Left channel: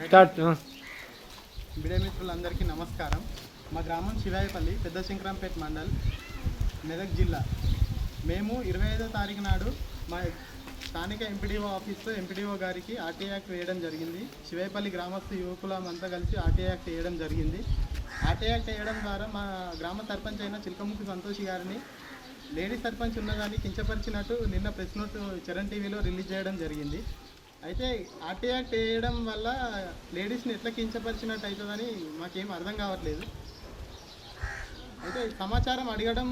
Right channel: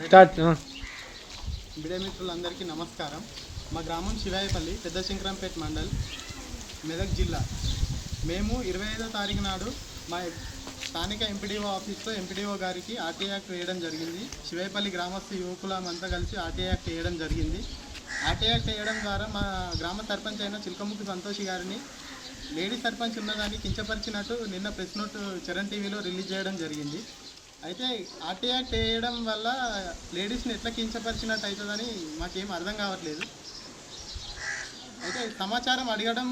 Media మిత్రులందరికీ నమస్కారం. మా గ్రామం శివాయపల్లి, పెద్ద శంకరంపేట మండల్, మెదక్ జిల్లా. మేము 25వ తారీఖు నాడు మా స్థానిక ఎంపీడీఓ ఆఫీస్లో ఎంపీడీఓ గారికి ఆర్టీఐ యాక్ట్ వేయడం జరిగింది. శివాయపల్లి గ్రామస్తు యువకులమంతా కలిసి ఆర్టీఐ యాక్ట్ వేయడం జరిగింది. ఆర్టీఐ యాక్ట్ వేయడం ద్వారా మా గ్రామ సర్పంచ్ అయిన చిలకముక్కి సంతోషి గారిని లేడీ సర్పంచ్ ఉన్నదాన్ని కించపరిచినట్టు నిన్న ప్రెస్ నోట్ చరణ్ టీవీలో రిలీజ్ చేయడం జరిగింది. అయితే ఆర్టీఐ యాక్ట్ వేయడం వల్ల లేడీస్ని ఎట్లా కించపరిచినట్టు అవుతుందని మాకేం అర్థం కావట్లేదు. అయితే సమాచారం అడగడం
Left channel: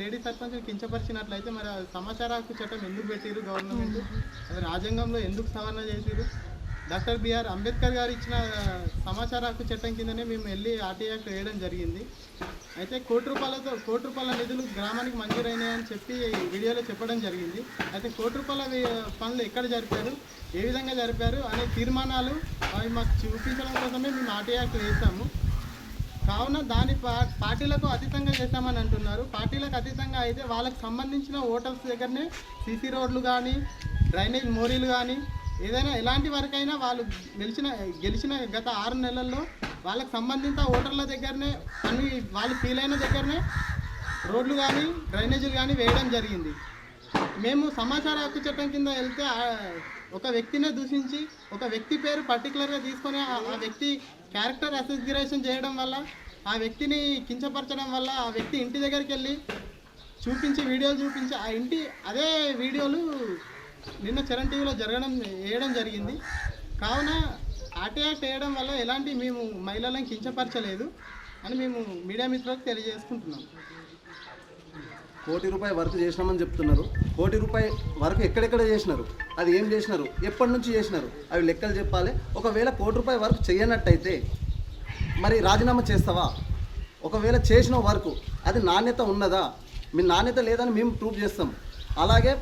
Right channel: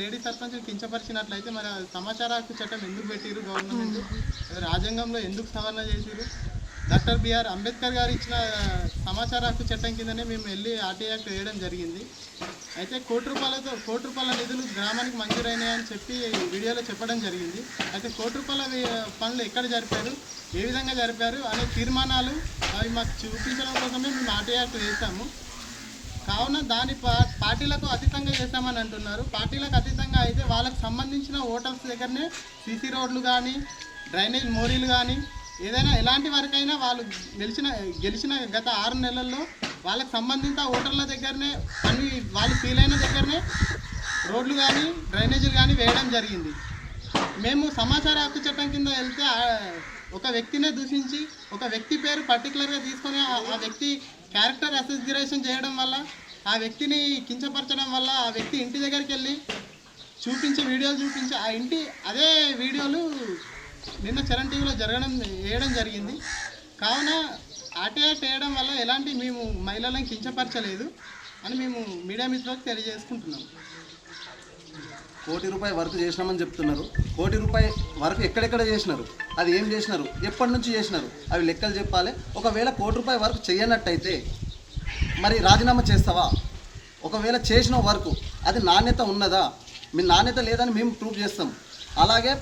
లేడీ సర్పంచ్ కించపరిచినట్లయితే మరి సమాచార హక్కు చట్టం ఎందుకు పెట్టిరు గవర్నమెంట్, అది రాజ్యాంగంలో ఎందుకు సవరణ చేసిరు? డాక్టర్ బిఆర్ అంబేద్కర్ గారు ఇచ్చిన సమాచార హక్కు చట్టం కిందనే మేము వెళ్ళి ఆర్టీఐ యాక్ట్ వేయడం జరిగింది. అయితే కోటి రూపాయల నిధులు గ్రామానికి మంజూరైనాయని చెప్పి వీడియోలో చెప్పడం జరిగింది. అయితే కోటి రూపాయల పనులు ఎక్కడ జరిపారు, ఏ విధంగా జరిపారు అనే తీర్మానాలు అవి మాకు చూపించడం కోసమే మేము ఆర్టీఐ యాక్ట్ వేసాము. కావున దాని పార్టీలకు అతీతంగా చేస్తామని అంటున్నారు. పార్టీలకు అతీతంగా అయితే వాళ్ళకు సంబంధించిన ఓటర్స్ దగ్గరనే సీసీ రోడ్లు కానీ, డ్రైనేజ్ మోరీలు కానీ, ఏదైనా ఎలాంటి వరకైనా వాళ్ళు గెలిచిన గత 6 నెలల్లో వాళ్ళకు సంబంధిత ఓటర్ల దగ్గరనే అన్ని వాళ్ళు ఫీల్ అయిన దగ్గరనే రోడ్లు కానీ, డ్రైనేజీలు కానీ వేయడం జరిగింది. మేము సమాచార హక్కు చట్టం కింద వెళ్తే ఒక వ్యక్తినే దూషించి ఒక వ్యక్తి పేరు పర్టికులర్గా తీసుకొని ఆ వ్యక్తి క్యారెక్టర్ అసోసియేషన్ చేయడం వల్ల, ఆ వ్యక్తిని కించపరచడం వల్ల ఆ వ్యక్తి ఇంటి దగ్గరికి వెళ్ళి వీడియోలు చూపించి ఆ ఇంటి అదే వీడియోలు నిన్న చరణ్ టీవీలో వేయడం జరిగింది. కావున ఆర్టీఐ యాక్ట్ వేయడం వల్ల ఎలాంటి మేము మహిళలను కించపరచలేదు అని మేము మీడియా మిత్రులకు తెలియజేసుకుంటున్నాం. ₹1 కోటి వర్క్ చేసినామని చెప్తున్నారు. ₹1 కోటి వర్క్ ఎక్కడెక్కడ చేసినారు, అది ఏం చేసినారు, ఎప్పటి నుంచి చేసినారు, అవి లెక్కలు చెప్పాలి. ఒకవేళ ₹1 కోటి వర్క్ చేయనట్టయితే మరి రాజీనామా చేస్తావా? ఒకవేళ చేసిన వర్క్ అది నాణ్యత ఉన్నదా? మీ నాణ్యత లేదని మేము ప్రూవ్ చేస్తాం. అలాగే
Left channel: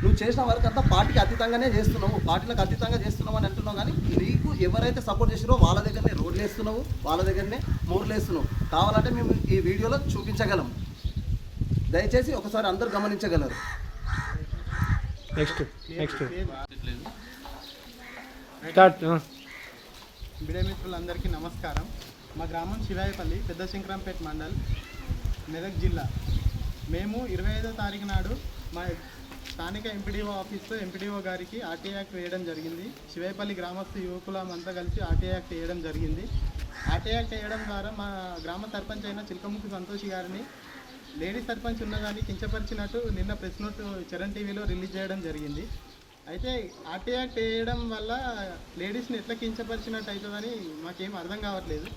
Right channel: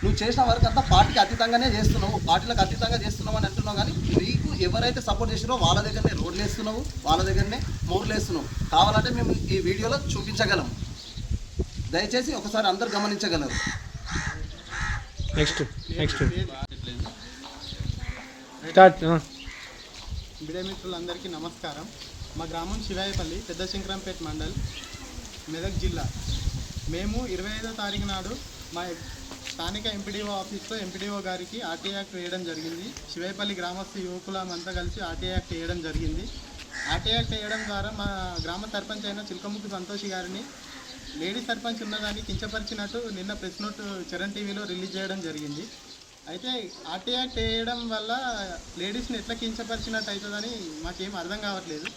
నువ్వు చేసిన వర్క్ అంతా పార్టీకి అతీతంగానే చేస్తున్నావు, పార్టీలకు అతీతంగా చేస్తున్నావు అని అంటున్నావు. కానీ నీకు ఎవరైతే సపోర్ట్ చేసిరో వాళ్ళ దగ్గరనే రోడ్లు వేస్తున్నావు, వాళ్ళ దగ్గరనే మోర్లు వేస్తున్నావు. కావాలంటే మేము ఈ వీడియోలో చూపించగలం. దయచేసి ఒకసారి అందరు గమనించగలరు. మీడియా మిత్రులందరికీ నమస్కారం. మా గ్రామం శివాయపల్లి, పెద్ద శంకరంపేట మండల్, మెదక్ జిల్లా. మేము 25వ తారీఖు నాడు మా స్థానిక ఎంపీడీఓ ఆఫీస్లో ఎంపీడీఓ గారికి ఆర్టీఐ యాక్ట్ వేయడం జరిగింది. శివాయపల్లి గ్రామస్తు యువకులమంతా కలిసి ఆర్టీఐ యాక్ట్ వేయడం జరిగింది. ఆర్టీఐ యాక్ట్ వేయడం ద్వారా మా గ్రామ సర్పంచ్ అయిన చిలకముక్కి సంతోషి గారిని లేడీ సర్పంచ్ ఉన్నదాన్ని కించపరిచినట్టు నిన్న ప్రెస్ నోట్ చరణ్ టీవీలో రిలీజ్ చేయడం జరిగింది. అయితే ఆర్టీఐ యాక్ట్ వేయడం వల్ల లేడీస్ని ఎట్లా కించపరిచినట్టు అవుతుందని మాకేం అర్థం కావట్లేదు.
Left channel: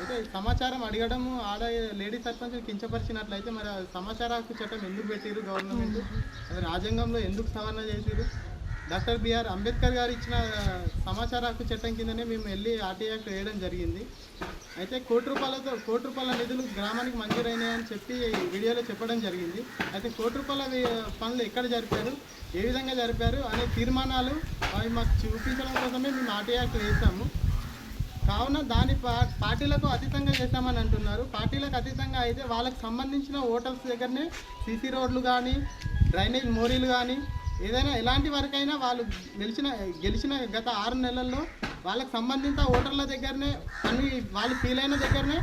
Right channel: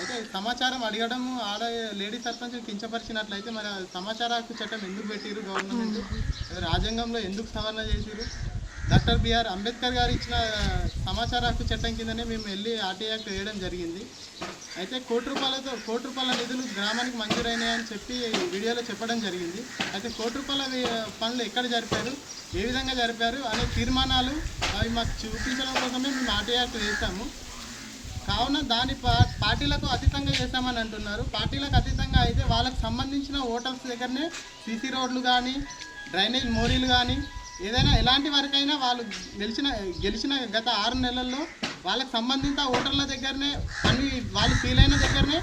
అయితే సమాచారం అడగడం లేడీ సర్పంచ్ కించపరిచినట్లయితే మరి సమాచార హక్కు చట్టం ఎందుకు పెట్టిరు గవర్నమెంట్, అది రాజ్యాంగంలో ఎందుకు సవరణ చేసిరు? డాక్టర్ బిఆర్ అంబేద్కర్ గారు ఇచ్చిన సమాచార హక్కు చట్టం కిందనే మేము వెళ్ళి ఆర్టీఐ యాక్ట్ వేయడం జరిగింది. అయితే కోటి రూపాయల నిధులు గ్రామానికి మంజూరైనాయని చెప్పి వీడియోలో చెప్పడం జరిగింది. అయితే ₹1 కోటి పనులు ఎక్కడ జరిపారు, ఏ విధంగా జరిపారు అనే తీర్మానాలు అవి మాకు చూపించడం కోసమే మేము ఆర్టీఐ యాక్ట్ వేసాము. కావున దాని పార్టీలకు అతీతంగా చేస్తామని అంటున్నారు. పార్టీలకు అతీతంగా అయితే వాళ్ళకు సంబంధించిన ఓటర్స్ దగ్గరనే సీసీ రోడ్లు కానీ, డ్రైనేజ్ మోరీలు కానీ, ఏదైనా ఎలాంటి వరకైనా వాళ్ళు గెలిచిన గత 6 నెలల్లో వాళ్ళకు సంబంధిత ఓటర్ల దగ్గరనే అన్ని వాళ్ళు ఫీల్ అయిన దగ్గరనే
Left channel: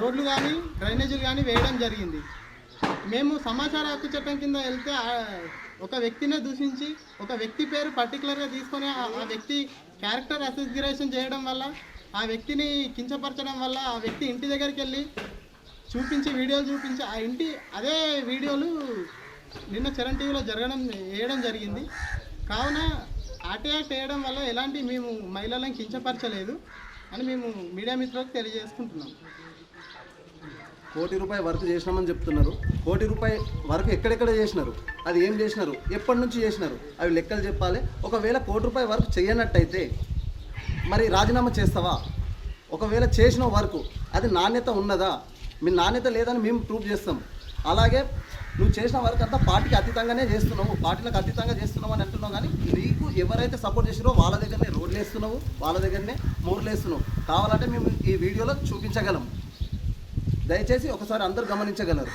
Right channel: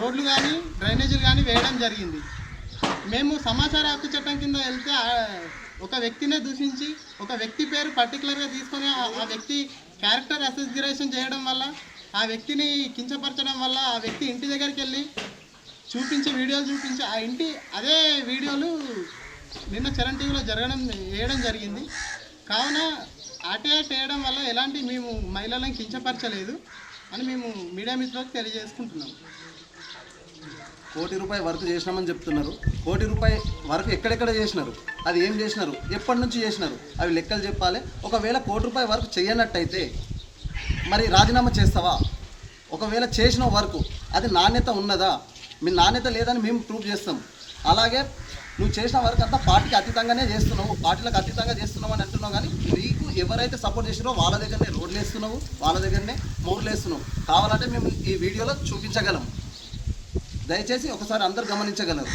రోడ్లు కానీ, డ్రైనేజీలు కానీ వేయడం జరిగింది. మేము సమాచార హక్కు చట్టం కింద వెళ్తే ఒక వ్యక్తినే దూషించి ఒక వ్యక్తి పేరు పర్టికులర్గా తీసుకొని ఆ వ్యక్తి క్యారెక్టర్ అసోసియేషన్ చేయడం వల్ల, ఆ వ్యక్తిని కించపరచడం వల్ల ఆ వ్యక్తి ఇంటి దగ్గరికి వెళ్ళి వీడియోలు చూపించి ఆ ఇంటి అదే వీడియోలు నిన్న చరణ్ టీవీలో వేయడం జరిగింది. కావున ఆర్టీఐ యాక్ట్ వేయడం వల్ల ఎలాంటి మేము మహిళలను కించపరచలేదు అని మేము మీడియా మిత్రులకు తెలియజేసుకుంటున్నాం. ₹1 కోటి వర్క్ చేసినామని చెప్తున్నారు. ₹1 కోటి వర్క్ ఎక్కడెక్కడ చేసినారు, అది ఏం చేసినారు, ఎప్పటి నుంచి చేసినారు, అవి లెక్కలు చెప్పాలి. ఒకవేళ ₹1 కోటి వర్క్ చేయనట్టయితే మరి రాజీనామా చేస్తావా? ఒకవేళ చేసిన వర్క్ అది నాణ్యత ఉన్నదా? మీ నాణ్యత లేదని మేము ప్రూవ్ చేస్తాం. అలాగే నువ్వు చేసిన వర్క్ అంతా పార్టీకి అతీతంగానే చేస్తున్నావు, పార్టీలకు అతీతంగా చేస్తున్నావు అని అంటున్నావు. కానీ నీకు ఎవరైతే సపోర్ట్ చేసిరో వాళ్ళ దగ్గరనే రోడ్లు వేస్తున్నావు, వాళ్ళ దగ్గరనే మోర్లు వేస్తున్నావు. కావాలంటే మేము ఈ వీడియోలో చూపించగలం. దయచేసి ఒకసారి అందరు గమనించగలరు.